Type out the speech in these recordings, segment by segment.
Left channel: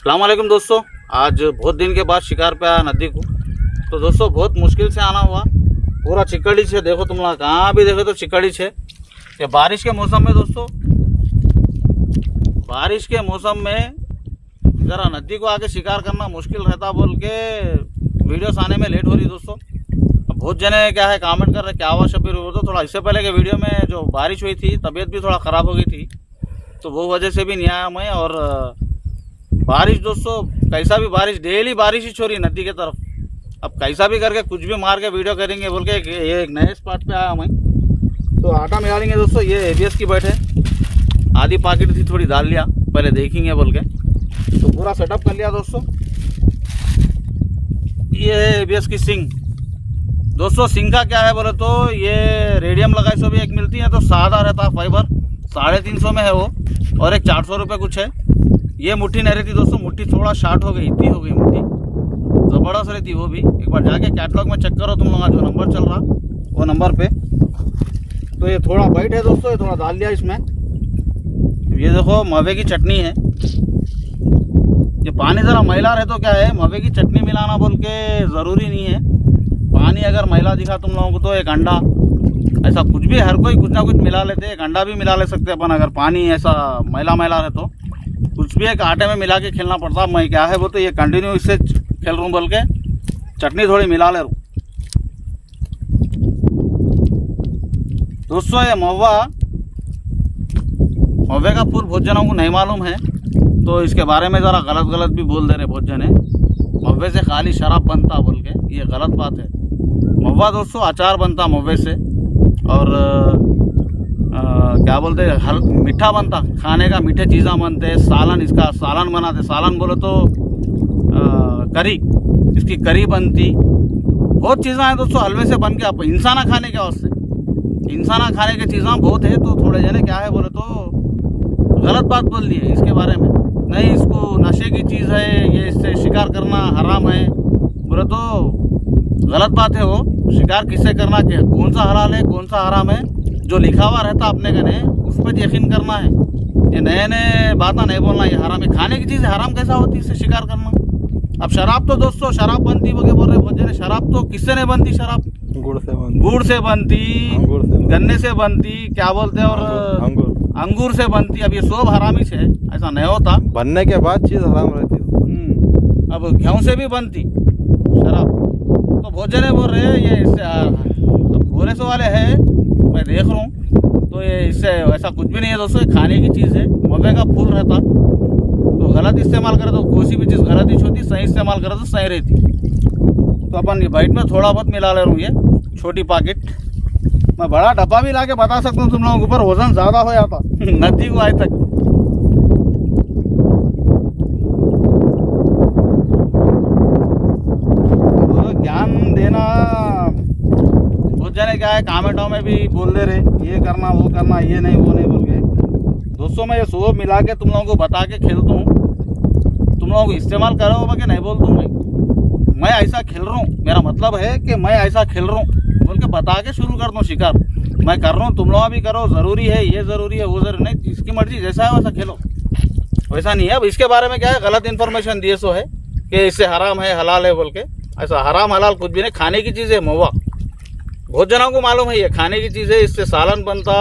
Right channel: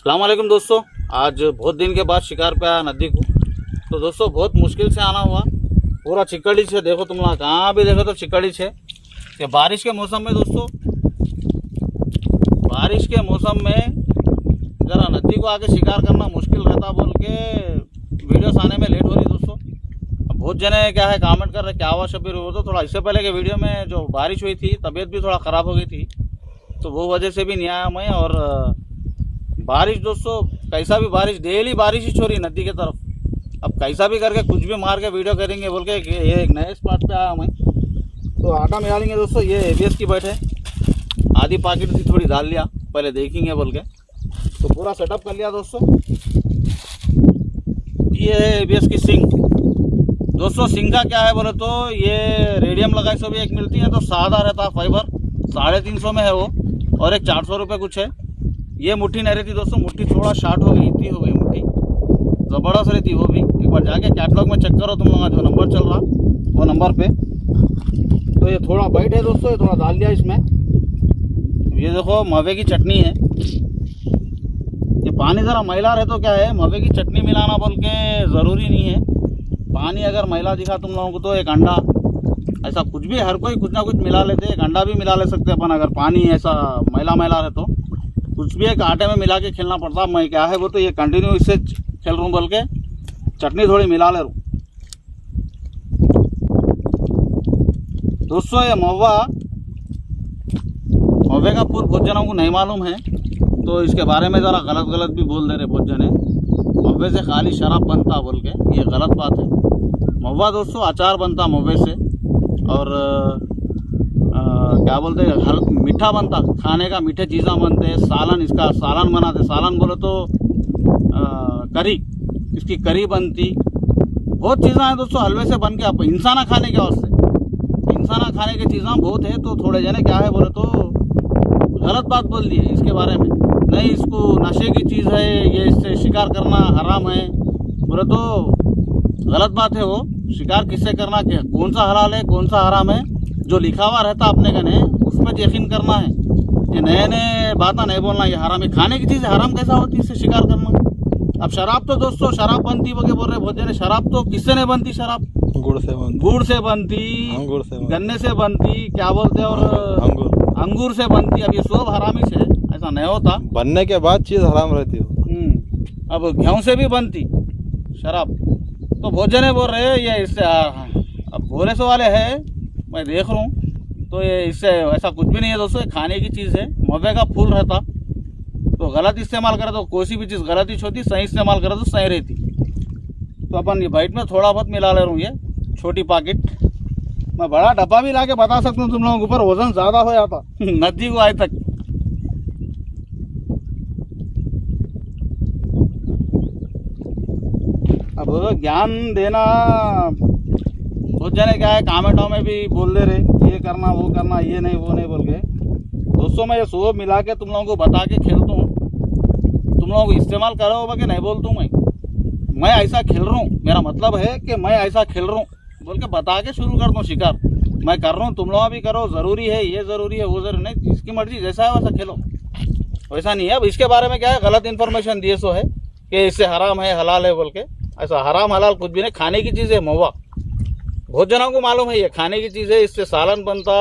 अस्सलाम वालेकुम दोस्तों, आज बहुत दिन के बाद शिकार पे आया नदी को। तो दोस्तों बहुत मुश्किल से आना हुआ, पूरा चिकड़ी है। देखो तुम लोग कहाँ भी देखो तो चिकड़ी है। कि बारिश के मौसम में दोस्तों, बारिश के मौसम में ज़रा नदी को आके शिकार करना मुश्किल रहता बोल के वीडियोस आने में लेट हो रही दोस्तों। अब बहुत जने क्या है कमेंट कर रहे क्या हुआ शब्बीर, वो तो थोड़ा इससे पहले के वीडियो में जो बारिश हुई थी तबीयत भी थोड़ा ख़राब हो गई थी, तो वो वजह से भी नहीं आया मैं। और बारिश दोस्तों कैसा भी बारिश, डेली बारिश ही छोड़ी नदी की तरफ। अब कैसा भी करके कुछ भी मार के वीडियो करेंगे बोल के ये एक नए स्पॉट पे आया मैं। तो आटा मिला लेंगे दोस्तों। ये ABS की बैठ है, आधी पैकेट थी, थोड़ी डाल लिया, पहले देखेंगे बोल के तो पूरा सेटअप कर लिया दोस्तों। ये है ABS की सिंग दोस्तों। सिंग का क्या है बोले तो ये रेडियम लगाई सो भी एक मिलती है, तो सादा रहता है फाइबर, 350 में है वो, और एक 400 रुपये कुछ है। ये मुट्ठी नहीं रहती दोस्तों, मुट्ठी थोड़ा शार्ट हो गई, इतनी हो गई मुट्ठी, ज़बरदस्त रहती वो भी। एक बार जाके कैटलॉग में चेक करो तुम लोग, जो नंबर चल रहा वो नंबर पे। तो ये थोड़ा वाइट है दोस्तों, ये थोड़ा डाल दिया इसमें। ये देखो मवे की चटनी है। ये पानी ज़रा मैला रहे तो क्या है, मवे की चटनी मिलाना बोल के ज़रूरी नहीं है। पानी अगर मैला दिखा तुम लोगों को तो एक अंडा, ऐसा कुछ भी, हर कोई कुछ ना कुछ मिला लेते हैं। एक अंडा भी मिला ले सकते हैं अपन, अगर पानी ऐसा मैला मैला रहे तो कुछ भी एक आटे में मिला के खेलना पड़ता। मैं क्या है वो तो ये कंटिन्यू इससे खेल रहा हूँ बोल के चटनी थोड़ी मिला ले रहा हूँ दोस्तों। ये मव्वे का फूल बहुत जनों को नहीं मालूम है, तो इसके बारे में ज़रा गलत भी बोल दे रहे बहुत जने। मव्वे से खाली शराब बनता बोल के, ये गलत बात है। मव्वा दोस्तों अचार बनता मव्वे से, और क्या बोलते हैं मीठा बनता, खाने का मीठे चीज़ा बनते हैं। सालन, इसका सालन बनाते, सालन बोले तो करी, इसकी करी बनती। बहुत चीज़ें हैं दोस्तों हलवे से बन के। आप इंसाना खाने के वास्ते, इंसाना खाने की चीज़ें बहुत है। तो थोड़े जने क्या है बोले तो गलत बात बोल दिए इसके बारे में, नहीं इसको नशे की चीज़ है, ये इससे शिकार करना हराम है बोले तो गलत बात है। वो शिकार किससे करना, क्या कौन सा हलाल है कौन सा हराम है, जो लिखा हुआ रहता अपने कने उस पर यकीन करना है। ये नए नए बातें नहीं बोलना, ये हराम है। खाने की चीज़ हराम कैसा होती है इससे शिकार करना। अब शराब तो दोस्तों शराब बनती वो क्या बोल रहे बहुत जने, शराब तो किससे नहीं बनती, शराब गुड़ से बनती, गन्ने से बनती, क्या बोलते हैं, और अंगूर से बनती। अब ये सब हरामी से, ऐसा नहीं होता, बनने के बाद चीज़ हराम रहती है। अब गेहूँ से भी बनती शराब। तो बहुत जने बोल रहे हैं ये इससे, अब बोले सो वाले है, मैं देख रहा हूँ, तो ये इससे ऐसा कुछ भी नहीं है दोस्तों। ये खाने की चीज़ है, मवे का फूल रहता। तो गलत इस्तेमाल करे तो कोई भी चीज़ गलत ही होती, सही इस्तेमाल करे तो सही रहती। तो अपन ये बाइट में थोड़ा बहुत मिला ले रहा हूँ, ये छोटी पैकेट। मैं बड़ा डब्बा भी ला के बता सकता हूँ तुम लोगों के ऊपर, वजन ज़्यादा हो जाता नदी को आज तक। अब ज्ञान देना बहुत जने क्या है कमेंटों में भी बोल दे रहे ये करना वो करना, ये नहीं वो नहीं बोल के। दोस्तों मैं ये सब मिला के तुम लोगों को बता के खेलता हूँ, तुम लोगों को इस्तेमाल करो होगा कि नहीं बोलता हूँ। मैं ऐसा खेल रहा हूँ, मेरा मतलब है कि मैं ऐसा खेल रहा हूँ बोल के बता के शुरू कर दूँ शिकार। मैं कर रहा हूँ, तुम लोग भी करो, ज़रूरी है ये ज़रूरी है वो ज़रूरी नहीं, जिसकी मर्जी जैसा है वैसा खेलो, वैसा नहीं है। अब इसके बारे में क्या है गलत इन्फॉर्मेशन दिए सो है कि इससे हराम है हलाल है बोल के। ऐसा हराम हलाल कुछ भी नहीं, खाने की चीज़ है महुआ। बहुत जनों को मालूम है ये खाने की चीज़ है, इससे सालन बनता,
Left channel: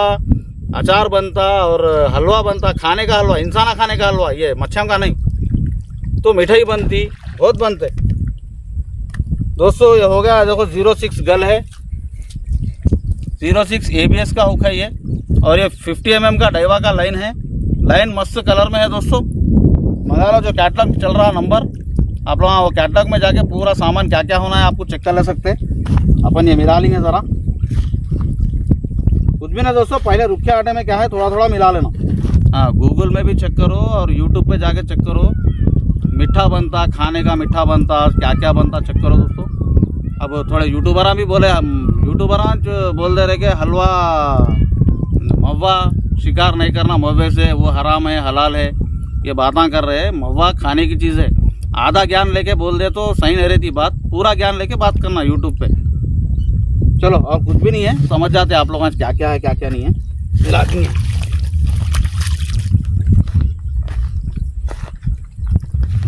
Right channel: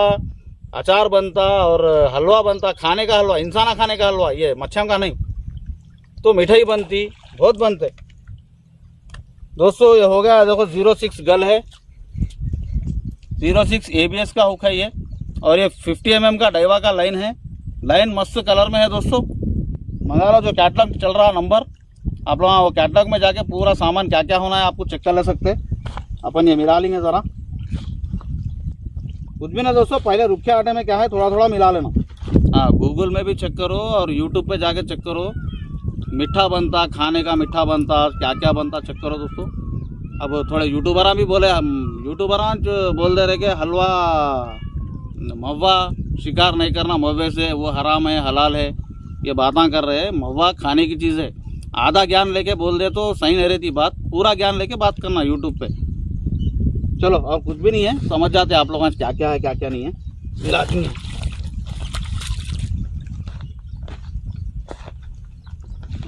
अचार बनता और हलवा बनता, खाने का हलवा, इंसाना खाने का हलवा, ये मच्छम का नहीं। तो मिठाई बनती, बहुत बनते दोस्तों। ये हो गया देखो 06 गल है, 06 ABS का हुक है ये, और ये 50 mm का डाइवा का लाइन है। लाइन मस्त कलर में है दोस्तों। मंगा लो, जो कैटलॉग चल रहा नंबर, आप लोग वो कैटलॉग में जाके पूरा सामान क्या क्या होना है आपको चेक कर ले सकते। अपन ये मिला लेंगे ज़रा, कुछ भी ना दोस्तों, पहले रुखे आटे में क्या है थोड़ा थोड़ा मिला लेना। हाँ, गूगल में भी चेक करो और यूट्यूब पे जाके चेक करो, मीठा बनता, खाने का मीठा बनता, क्या क्या बनता चेक करो दोस्तों। अब थोड़े यूट्यूबरां भी बोले, यूट्यूबरां जो बोल दे रहे कि हलवा मव्वा शिकार नहीं करना मव्वे से, वो हराम है हलाल है, ये बातें कर रहे हैं। मव्वा खाने की चीज़ है। आधा ज्ञान लेके बोल दे तो सही नहीं रहती बात, पूरा ज्ञान लेके बात करना यूट्यूब पे। चलो और कुछ भी नहीं है, समझ जाते आप लोग क्या क्या है क्या क्या नहीं है, मिला देंगे।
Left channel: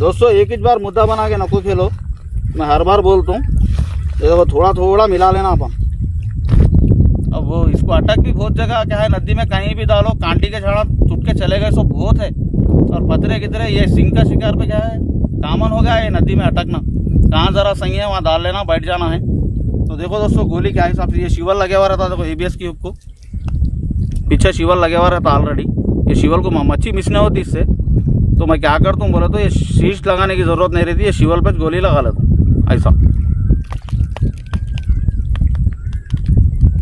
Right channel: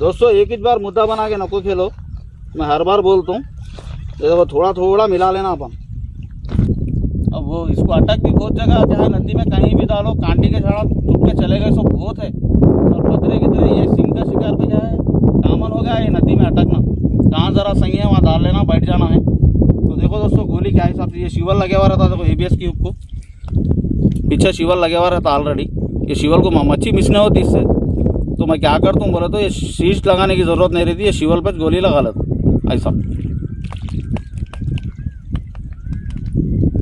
दोस्तों एक ही बार मुद्दा बना के नको खेलो, मैं हर बार बोलता हूँ। देखो थोड़ा थोड़ा मिला लेना अपन। अब वो इसको अटक भी बहुत जगह क्या है, नदी में कहीं भी डालो कांटी के झाड़ा टूट के चले गए सो बहुत है। और पतरे कितरे ये सिंह का शिकार पे क्या है कामन हो गया है नदी में अटकना। कहाँ ज़रा सही है वहाँ डाल लेना, बैठ जाना है। तो देखो दोस्तों गोली क्या हिसाब से, ये शिवल लगे हुआ रहता। देखो ABS की हुक को पीछे शिवल लगे हुआ रहता ऑलरेडी। ये शिवल को मच्छी मिस नहीं होती इससे। तो मैं क्या करता हूँ बोले तो ये शीश लगाने की ज़रूरत नहीं रहती, ये शिवल पे गोली लगा लेता ऐसा।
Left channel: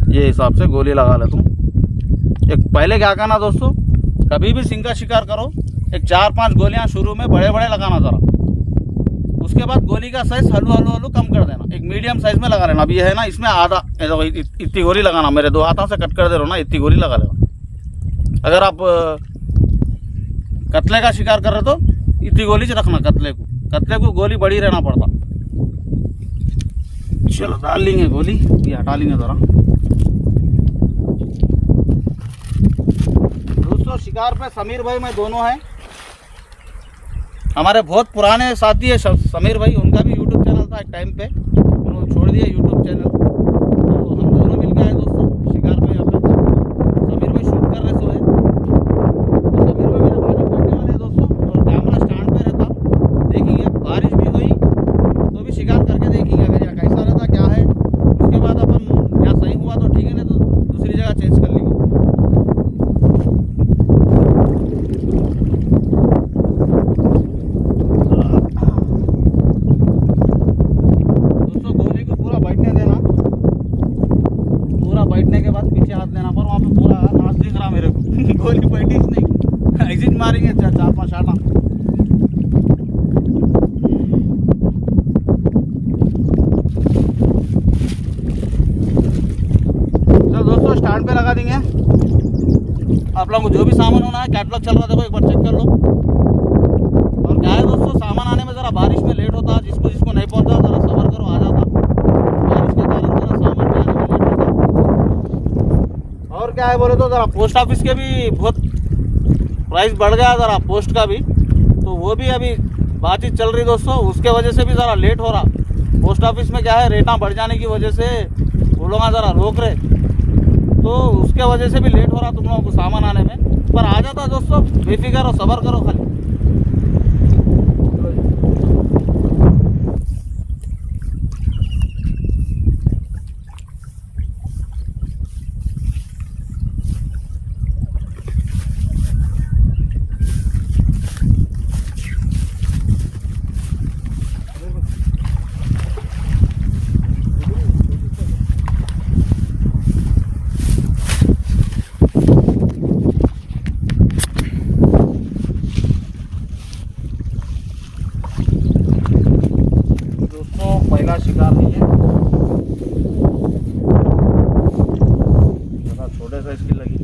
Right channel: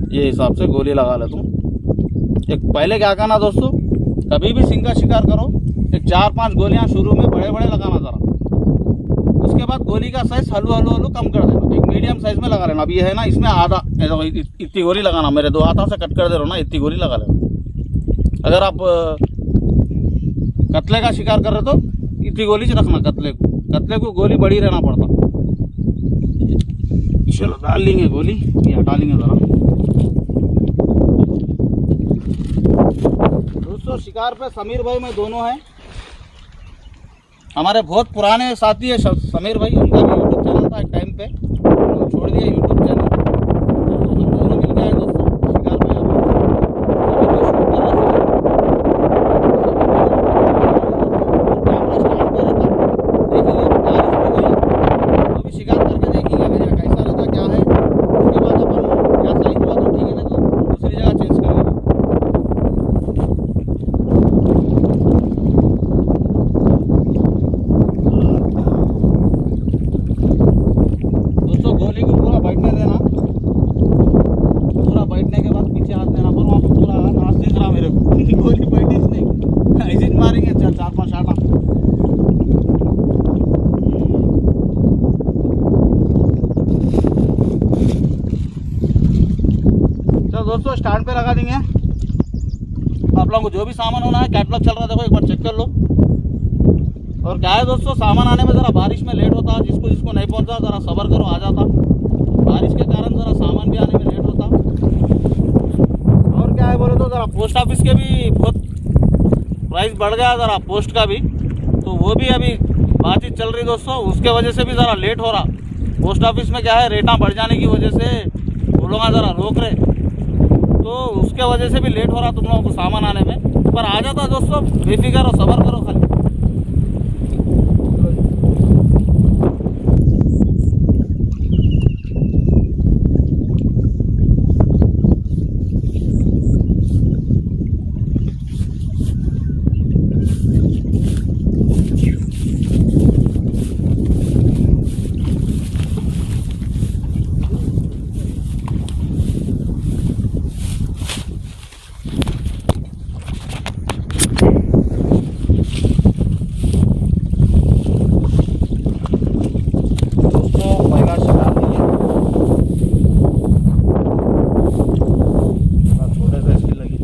ये हिसाब से गोली लगा लेता हूँ। एक पहले क्या करना दोस्तों, कभी भी सिंह का शिकार करो एक 4-5 गोलियाँ शुरू में बड़े बड़े लगाना ज़रा। उसके बाद गोली का साइज़ हल्लू हल्लू हल्लू कम कर देना, एक मीडियम साइज़ में लगा लेना। अब ये है ना इसमें आधा इतनी गोली लगाना, मेरे 2 हाथों से कट कर दे रहा हूँ ना, इतनी गोली लगा लेना। अगर आप कतले का शिकार कर रहे तो इतनी गोली से रखना। कतले को गोली बड़ी रहना पड़ता। चलो डाल लेंगे गोली, ये हटा लेंगे ज़रा। दोस्तों शिकार पे समीर भाई मैं दोनों हैं, हमारे बहुत पुराने साथी है समीर भाई। उनका भी यूट्यूब चैनल था एक टाइम पे, उन्होंने छोड़ दिया यूट्यूब चैनल। तो हम दोनों मिल गए हैं दोस्तों शिकार पे। यहाँ समीर भाई शूट कर रहे थे दोस्तों, कैमरा स्टैंड पे रहता। देखेंगे बारिश भी हुई तो भी शिकार करके देखेंगे अगर यहाँ कैसा रहता क्या है। उसके बाद अपन या सही हुआ तो ठीक है, नहीं तो दूसरी जगह चेंज कर लेंगे। गोली को पूरा बैठने देना, पूरा बैठने के बाद पीछे हाथ देना। पर वहाँ पे पूरा नाच दिख रहा मेरे को गोली बैठी नहीं, एग्जिट मारेंगे 4-5 आटा। चलो दोस्तों स्टैंड पे लगा देंगे। आप लोगों को जो भी सामान होना है, कैटलॉग चल रहा है देखो एक बार चेक कर लो। और क्या है दोस्तों, सामान आने में ज़रा बारिश में लेट होता, जिसको जिसको नहीं पहुंचा ज़रा सब्र करो, आ जाता। बारिश के कारण ज़रा सामान भी आने में लेट होता। और क्या है बोले तो ज़रा पोस्ट ऑफिस के भी बहुत प्राइस बढ़ गया ज़रा, पोस्ट का भी। तो वो भी अभी बातचीत चल रही दोस्तों, उसके वजह से भी ज़रा लेट हो रहा। पोस्ट ऑफिस में क्या है रेटा बढ़ जाने की वजह से वो लोग ज़रा रोक रहे, तो उसके वजह से भी लेट हो रहा तुम लोगों को सामान आने में। पर आ जाता दोस्तों, बेफिक्र हो, सब्र करो खाली। पहला शिकार नहीं है, छोटे से इसकी लगी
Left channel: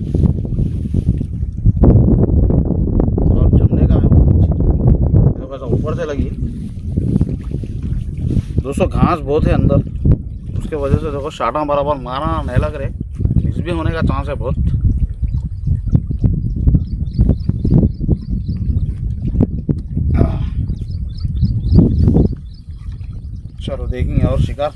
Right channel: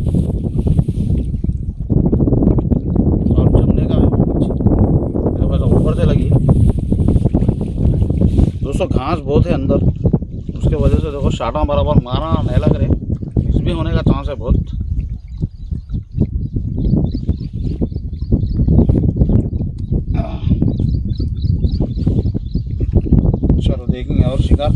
और जमने का है तो ऊपर से लगी दोस्तों। घास बहुत है अंदर, उसके वजह से देखो शाटा बराबर मारा नहीं लग रहे, मिस भी होने का चांस है बहुत। चलो देखेंगे और शिकार।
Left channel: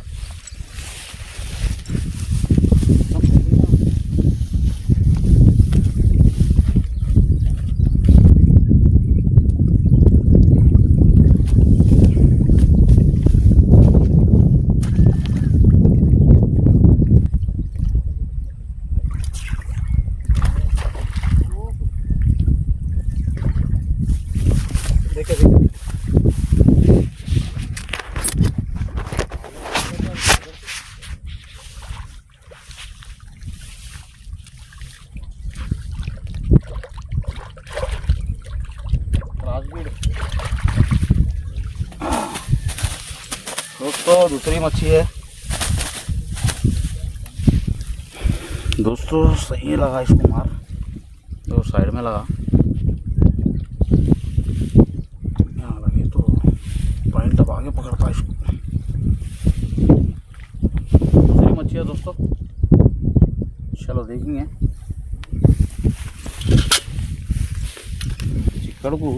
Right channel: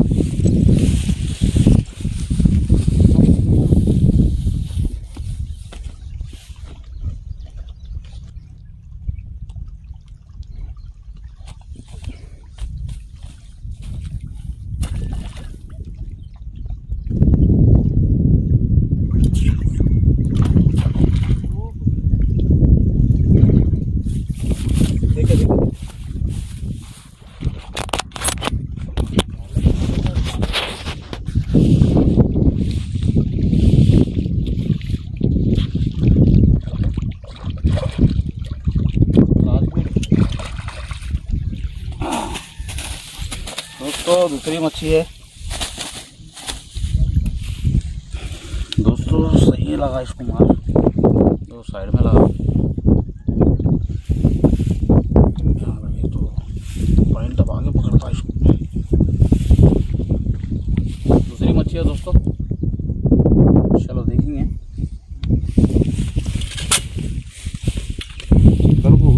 देखे दोस्तों दूसरी मच्छी है दोस्तों। सही लगा इसको मार, तो साइड में लगा यहाँ लगे तो पॉइंट दबा के पकड़ता इसको। दूसरी मच्छी है दोस्तों, चलो देखेंगे। चिकड़ को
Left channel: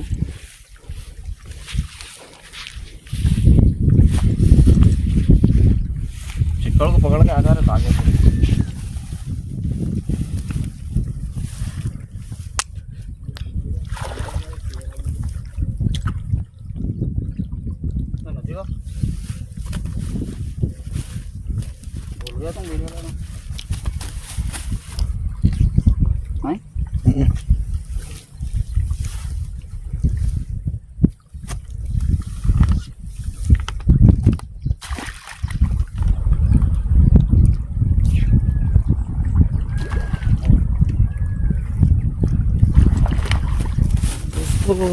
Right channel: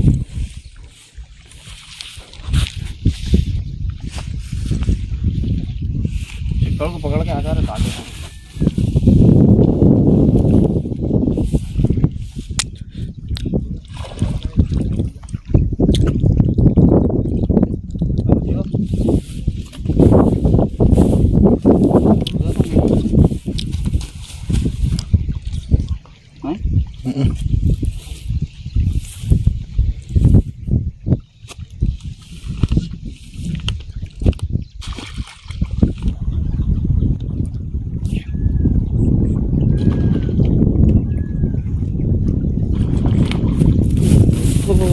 पकड़ के आ जा रहे ताजे को।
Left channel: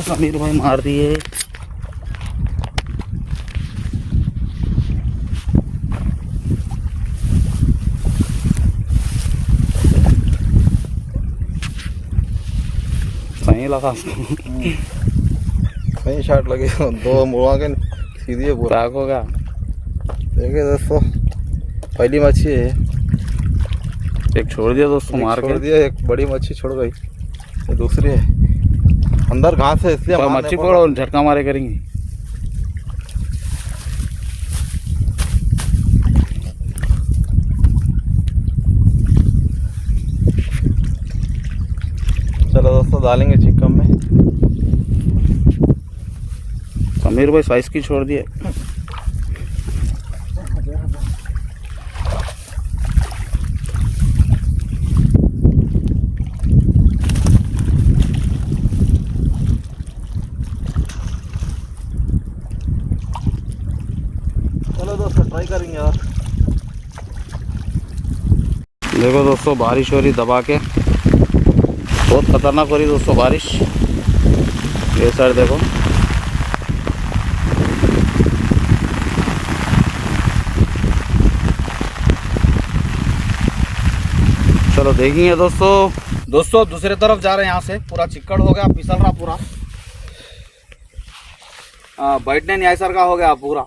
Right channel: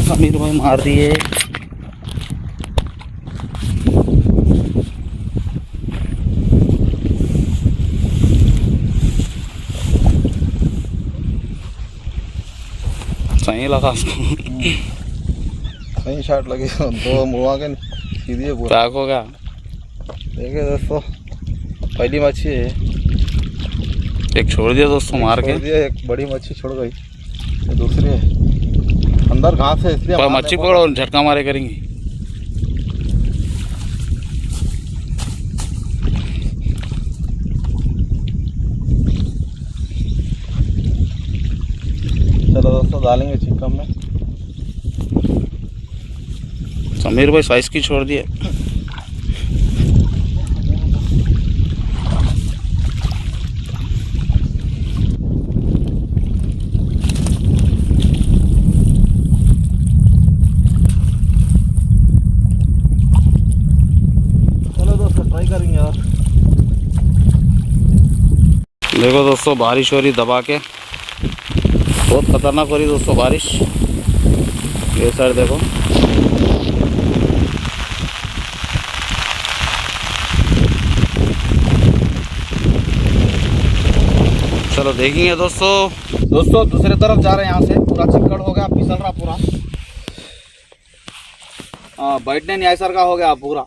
समीर भाई मार दिए। सही लगा उसको। सही शॉट लगे, दो मुड़ा के सीधी पूरा हो गया। देखिए दोस्तों, पहली मच्छी है। एक छोड़ दिया दोस्तों मार के। एक बड़ी मच्छी छोड़ गई, ये दूसरी है अंदर घास है इसलिए मच्छी पकड़ो और झटका मारे करेंगे। चलो दोस्तों डालेंगे चिकन में। समीर भाई साइज की छोड़ दिए। ट्राई करेंगे यार। देखो दोस्तों बारिश हो रही दबा के, बहुत खतरनाक हो रही दोस्तों बारिश। ये साइड देखो, चलो देखेंगे दोस्तों दूसरे तरफ जा रहे हैं। यहाँ से पूरा चिक्कड़ हो गया, फिसल रहा पूरा, बैठने न्याय सर का हो गया पूरा।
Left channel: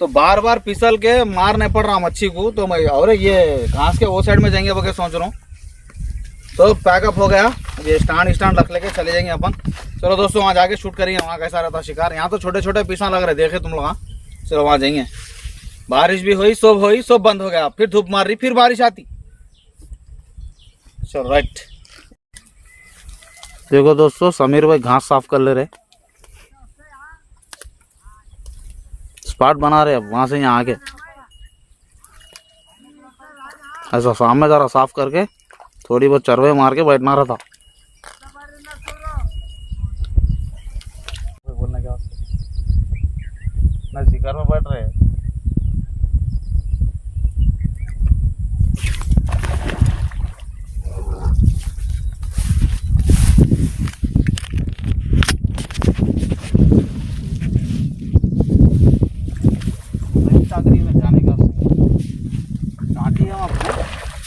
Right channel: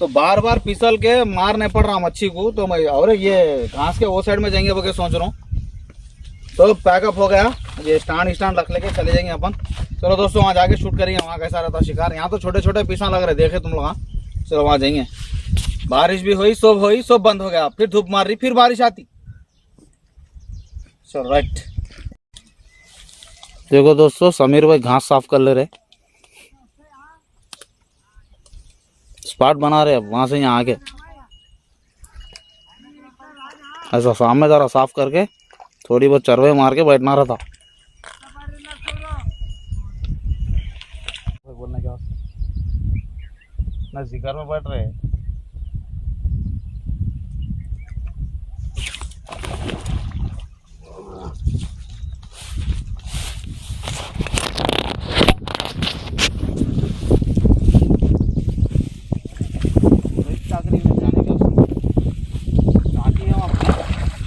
तो बार बार फिसल के मार नहीं पड़ रहा मच्छी को। तो मैं और ये घास के वो साइड में जाएंगे वो सोच रहा हूँ। तो पैकअप हो गया, ये स्टैंड रख लेके चले जाएंगे अपन। चलो दोस्तों वहाँ जाके शूट करेंगे, वहाँ कैसा रहता शिकार। यहाँ तो छोटे छोटे पीसा लग रहे, देखे तुम लोग। हाँ चलो वहाँ जाएंगे। बारिश भी हुई, सब बंद हो गया। फिर धूप मार रही, फिर बारिश आती। चलो राइट। देखो दोस्तों समीर भाई घास साफ कर ले रहे, स्पॉट बना रहे। अब वहां से यहाँ आके ऐसा सामने जरा साफ करके थोड़ी बहुत चरवे मार के बैठना रहा था। बोलना क्या ना, शिकार में बैठ रहे हैं।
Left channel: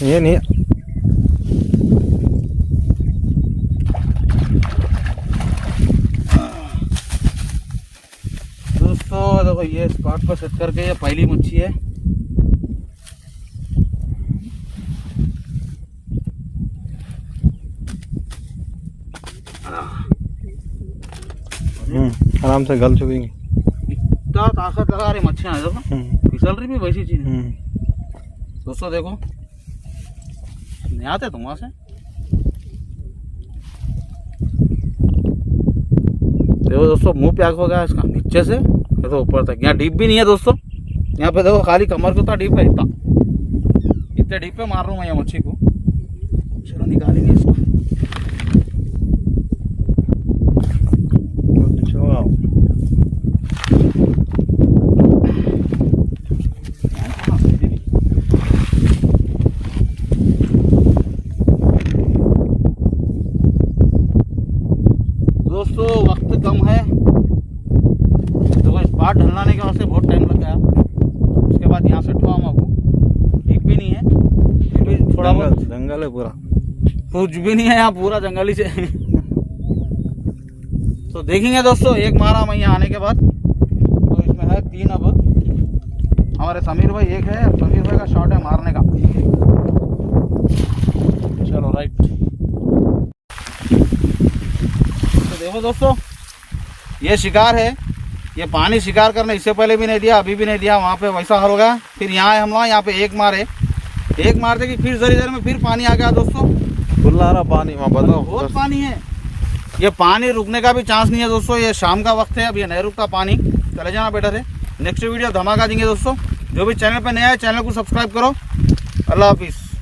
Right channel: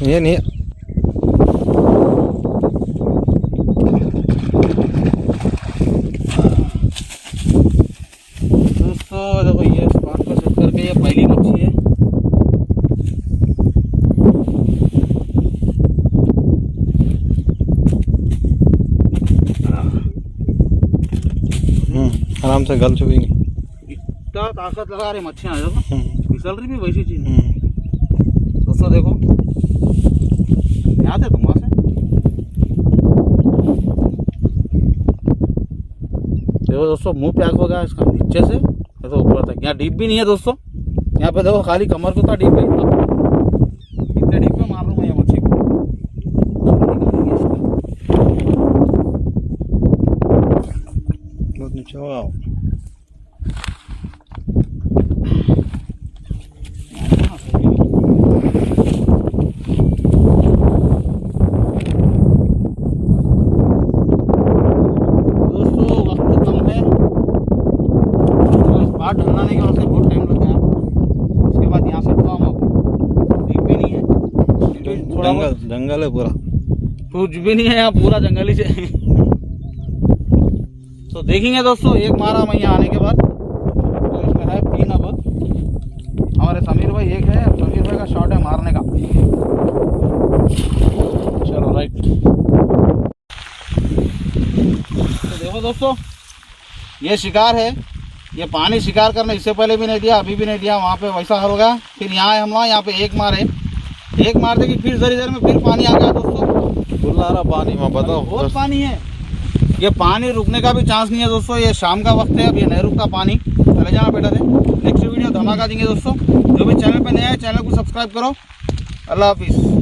ये नहीं दोस्तों, देखो ये स्पॉट पर सेट करके, ये पहली मच्छी है। आराम से गल चुकेंगे। इतना ताकत लगा रही मच्छियाँ, फिसल रही भी वैसी चीज। दोस्तों देखो, यहाँ थे तुम वहाँ से। देखो दोस्तों मुंह प्याग हो गया इसका नीचे से तो ऊपर तक। यहाँ डीप भी नहीं है दोस्तों, यहाँ पे देखो खाली कमर को था डीप है। इतने डीप पे मार रहा हूँ मैं ये मच्छी को। निकालेंगे इसको। बाहर ढलने के वास्ते बहुत टाइम लग गया। उसके बाद यहाँ से ठुआ डीप भी नहीं है, थोड़ा जंगल है पूरा, कुछ भी नहीं है यहाँ, पूरा जंगल ही से। तो देखेंगे दोस्तों, एक मारा मैं यहाँ आने के बाद। तो इसमें है 3 अब हमारे समीर भाई, एक है समीर भाई का शॉट है मारने का। चलो राइट। तो देखो दोस्तों, ये शिकार है ये पानी शिकार करने इससे पहले भी नहीं दिया, अभी भी नहीं दिया। वहाँ पे वैसा हाल हो गया। फिर यहाँ आए हम लोग, यहाँ पे एक मारते कि फिर जरी में फिर पानी आ गया दोस्तों। फुल आ रहा पानी वहाँ, बताओ बहुत पानी है। ये पानी रुकने का भी चांस नहीं है दोस्तों। ये शाम का वक्त है, अब ये नहीं रुकता पानी। चले जाना बेटा थे। नेक्स्ट वीडियो धमाका देंगे दोस्तों। जो भी चैनल पे नया है चैनल को सब्सक्राइब करो। अल्लाह हाफिज़।